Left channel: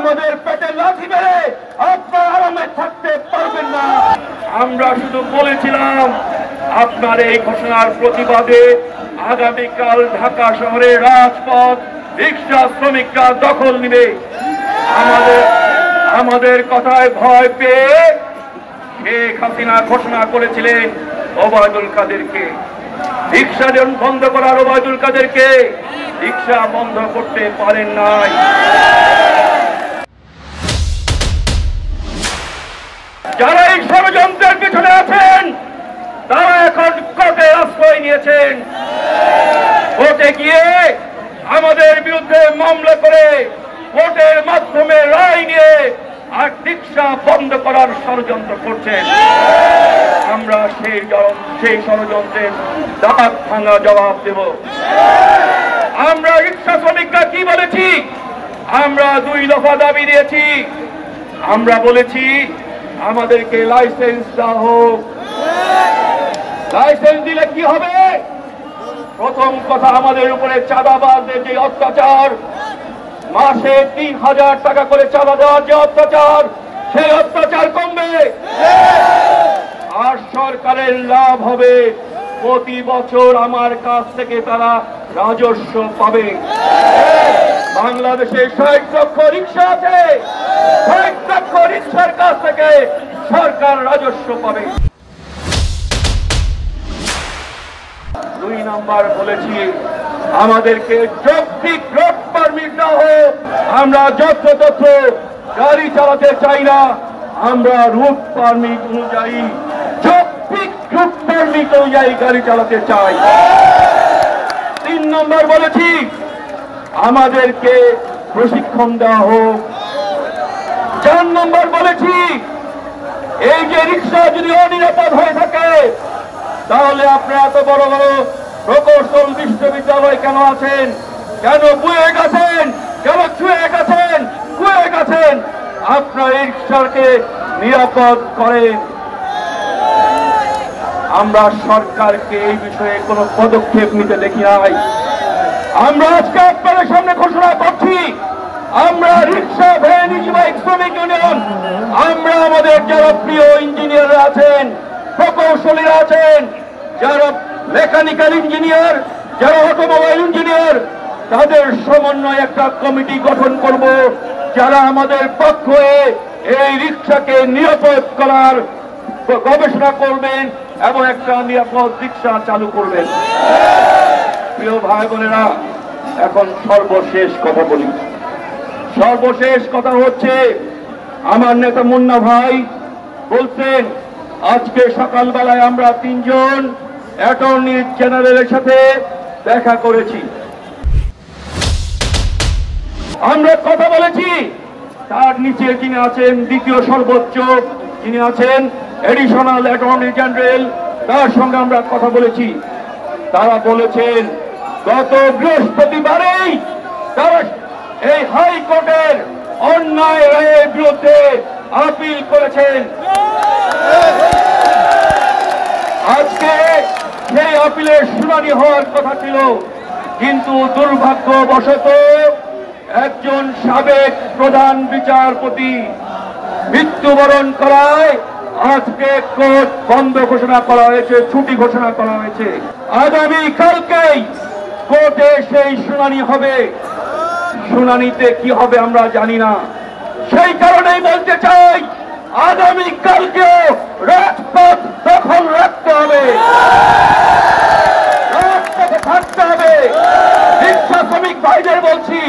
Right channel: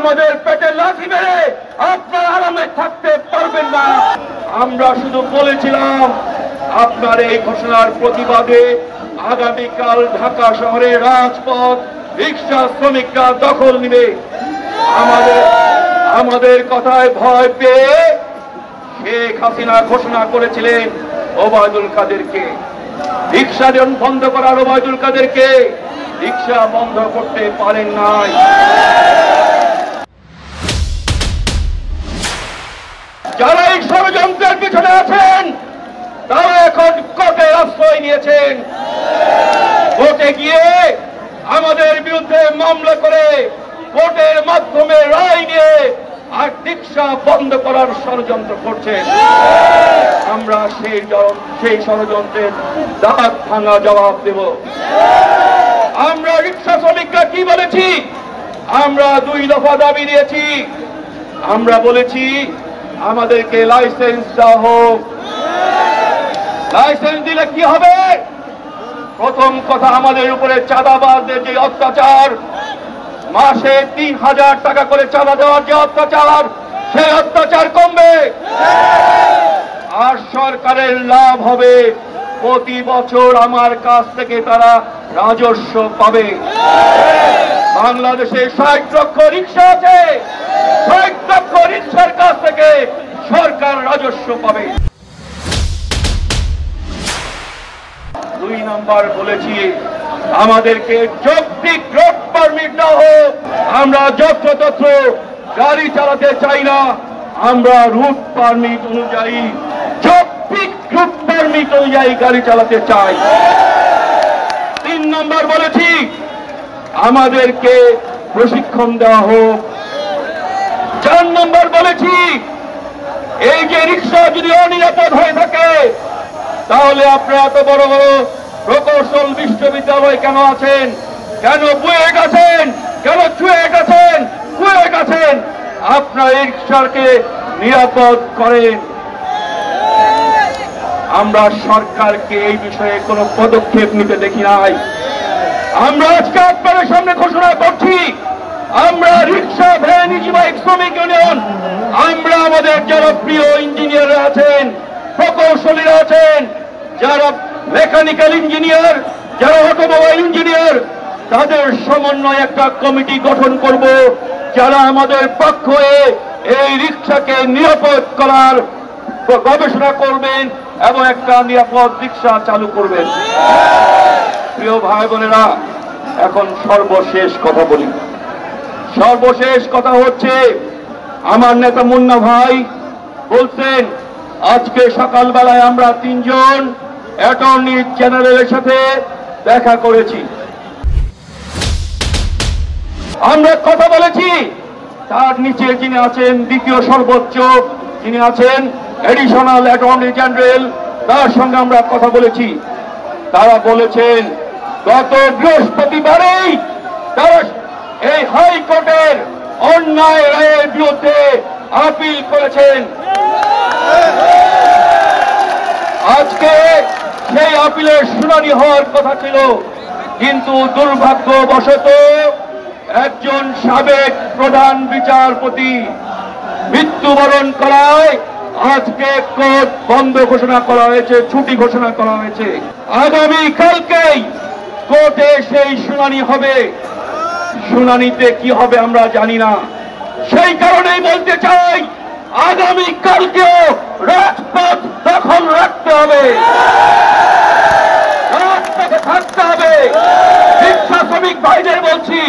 আমাদের পেটে লাথি মেরে আপনার আরামে থাকতে পারবেন না। আমরা শুধু বলেছিলাম আপনার এই ঘোষণার প্রতিবাদে আগামীকাল ঢাকা শহরের রাজপথ রিক্সা শ্রমিকরা দখল নেবে। আমাদের কথায় ভয় পেয়ে শেখ হাসিনা ঘোষণা করেছিলেন ওবায়দুল কাদেরকে, রিক্সা বন্ধ করার ওবায়দুল কাদেরকে রিক্সা বন্ধ করতে পারেন নাই। যারা এই ষড়যন্ত্রের পিছনে আছেন তারা এখন কোর্টে আশ্রয় নিয়েছেন। কোর্টে গিয়ে আমাদের বিরুদ্ধে মামলা করে কোর্টের মাধ্যমে রায় নিয়ে আর রিক্সা বন্ধ করার ষড়যন্ত্র করছেন। আমরা সেই ষড়যন্ত্রের দাঁত ভাঙা জবাব দেব। আমরা রিক্সা শ্রমিকরা কি বলেছি? আমরা 2 দফা দাবি দিয়েছি। আমরা বলেছি আমাদেরকে লাইসেন্স দেওয়া হোক। লাইসেন্স দিলে কি হবে? প্রথম কথা, আমাদের উপরে চাঁদাবাজদের যে অত্যাচার, মাসে 3000 টাকা করে চাঁদা দেওয়ার যে অত্যাচার, সেই অত্যাচার কমবে। আর সরকারের লাভ হবে, প্রতি বছর আমার কাছ থেকে তারা রাজস্ব পাবে। বাংলাদেশে 60 লক্ষ রিক্সা আছে, 60 লক্ষ রিক্সার কাছ থেকে সরকার রাজস্ব পাবে। 2 নম্বর বলেছি আমাদেরকে যৌক্তিক রোড পারমিট না হোক। আমরা যত্রতত্র গাড়ি চালাতে চাই না, আমরা রুট পারমিট অনুযায়ী, যৌক্তিক রুট পারমিট অনুযায়ী গাড়ি চালাতে চাই। 3 নম্বর বলেছি আমাদেরকে প্রশিক্ষণ দেওয়া হোক। 4 নম্বর বলেছি এই যে রিক্সা যদি অনিরাপদ হয়ে থাকে তাহলে আপনারা এত বড় বড় প্রকৌশল বিশ্ববিদ্যালয় কেন আছেন, কেন বুয়েট আছেন, কেন চুয়েট আছেন, কুয়েট আছেন? আপনারা এই রিক্সাকে নিরাপদ করেন। আমরা সরকারকে এই বিষয়ে কোনো পদক্ষেপ নিতে দেখি নাই। আমরা আজকে আপনাদের সামনে ঘোষণা করছি, আমরা রিক্সা ভ্যান ইজিবাইক শ্রমিক ইউনিয়ন, আমরা আমাদের যারা প্রিয় ইঞ্জিনিয়ার আছেন, প্রকৌশলীরা আছেন, যারা মেকানিক্যাল ইঞ্জিনিয়ার, যারা অটোমোবাইল ইঞ্জিনিয়ার, তাদের সমন্বয়ে একটা কমিটি গঠন করব, যারা আমাদের পক্ষ হয়ে এই রিক্সাকে নিরাপদ করার গবেষণা করবেন এবং একটা নিরাপদ রিক্সা চালু করবেন। প্রিয় ভাই বোনেরা, এখন সর্বশেষ কথা বলি। সর্বশেষ কথা হচ্ছে, আমার নেতা মুন্না ভাই বলছেন আজকে সকালবেলায় আমরা 3 জন অ্যাটর্নি জেনারেলের সাথে দেখা করেছি। আমরা কথা বলেছি, তার নিচে যিনি আছেন দ্বিতীয় সর্বোচ্চ, যিনি আছেন এডিশনাল অ্যাটর্নি জেনারেল, তার সঙ্গে আমরা কথা বলেছি। তারা বলেছেন গত বৃহস্পতিবারেই তারা এই হাইকোর্টের অন্যায় রায়ের বিরুদ্ধে আপিল করেছেন। আজকে সেই আপিলের শুনানি হওয়ার কথা ছিল, কিন্তু দুর্ভাগ্যবশত একজন সাবেক প্রধান বিচারপতি মৃত্যুবরণ করায় আজকে কোর্ট বন্ধ ঘোষণা করা হয়েছে, ছুটি ঘোষণা করা হয়েছে। আগামী কালকেই কোর্টে সেই শুনানি হবে। শুনানিতে কি হবে আমরা জানি না। সেই কারণেই বলতে চাই, আগামী কালকেও রাজপথ দখল রাখতে হবে, রাজপথে থাকতে হবে। রিক্সা শ্রমিক ভাইদের বলছি,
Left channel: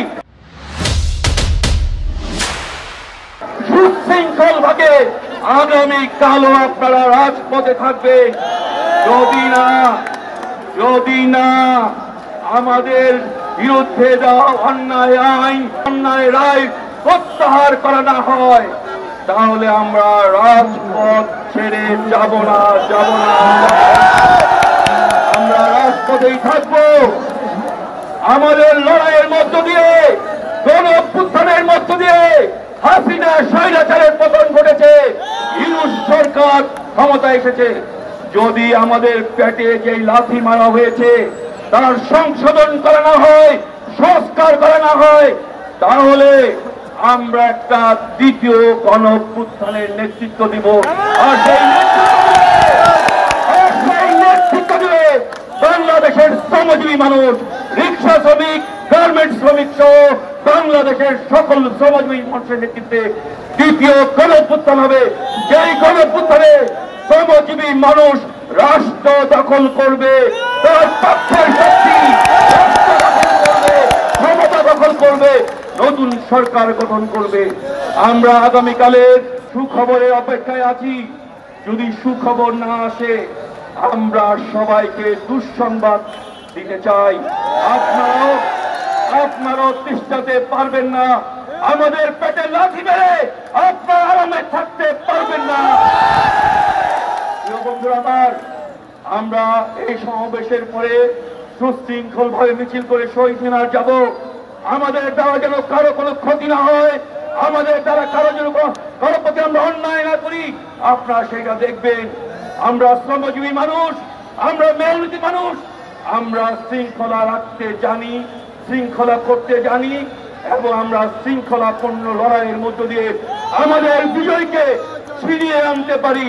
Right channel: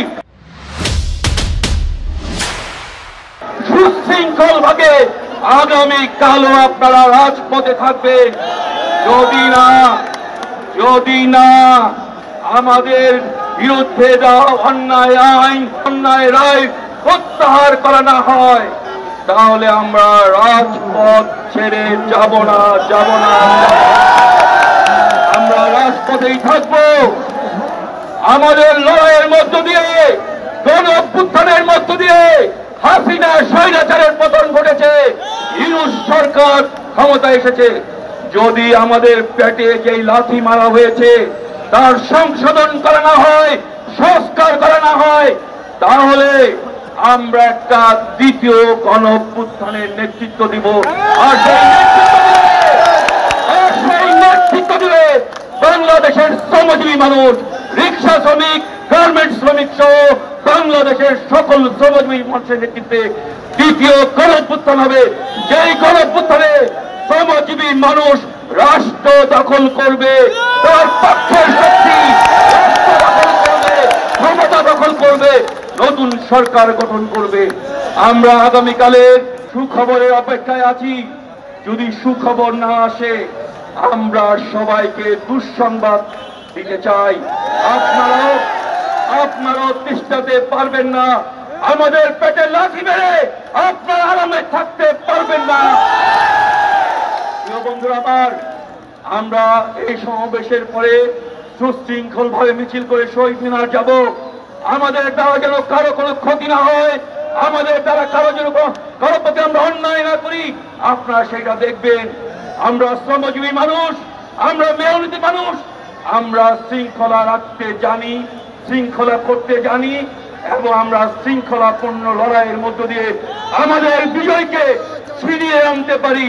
সুশৃঙ্খল ভাবে আগামী কালও আপনারা রাজপথে থাকবেন। যদি না আমাদের বিরুদ্ধে দেওয়া অন্যায় আইন, অন্যায় রায় প্রত্যাহার করা না হয়, তাহলে আমরা রাজপথ ছেড়ে যাব না। আমরা রাজপথেই থাকবো। আমাদের লড়াইয়ের মধ্য দিয়ে, গণ অভ্যুত্থানের মধ্য দিয়ে হাসিনা স্বৈরাচারের পতন ঘটেছে, ইউনূস সরকার ক্ষমতা এসেছে। যদি আমাদের পেটে যেই লাথি মারা হয়েছে তার সংশোধন করা না হয়, সংস্কার করা না হয়, তাহলে আমরা একটা দ্বিতীয় গণঅভ্যুত্থানের নেতৃত্ব দিব। আর সেই নেতৃত্ব দিলে বাংলাদেশের শ্রমজীবী মানুষ, রিক্সা শ্রমিক, গার্মেন্টস শ্রমিক সহ বাংলাদেশের সকল শ্রমজীবী মানুষের নেতৃত্বে দ্বিতীয় গণঅভ্যুত্থান হবে। যেই গণঅভ্যুত্থানে শ্রমজীবী মানুষ রাষ্ট্র দখল করবে, তার পক্ষের শক্তি ক্ষমতা দখল করবে, নতুন সরকার গঠন করবে। আমরা আগামীকালের সুখবরের অপেক্ষায় আছি। যদি সুখবর না আসে, আমরা সবাইকে দুঃসংবাদ দিতে চাই। আপনারাও তিষ্ঠতে পারবেন না, আমাদের পেটে লাথি মেরে আপনারা আরামে থাকতে পারবেন না। বন্ধুরা আমার, আমরা এই সমাবেশের পরে সুশৃঙ্খল ভাবে মিছিল করে শহীদ মিনার যাব। আমাদের দ্বারা যেন কারো কোনো ক্ষতি না হয়, আমাদের দ্বারা কারো যেন কারো প্রতি আমরা অন্যায় না করি, আপনারা সেটা দেখবেন। আমরা শ্রমজীবী মানুষ, আমরা মেয়নীতি মানুষ, আমরা শৃঙ্খলা রাখতে জানি, শৃঙ্খলা করতে জানি, এবং আমরা শৃঙ্খলাপূর্ণ লড়াইয়ের মধ্য দিয়ে আমাদের বিজয়কে ছিনিয়ে আনতে পারি।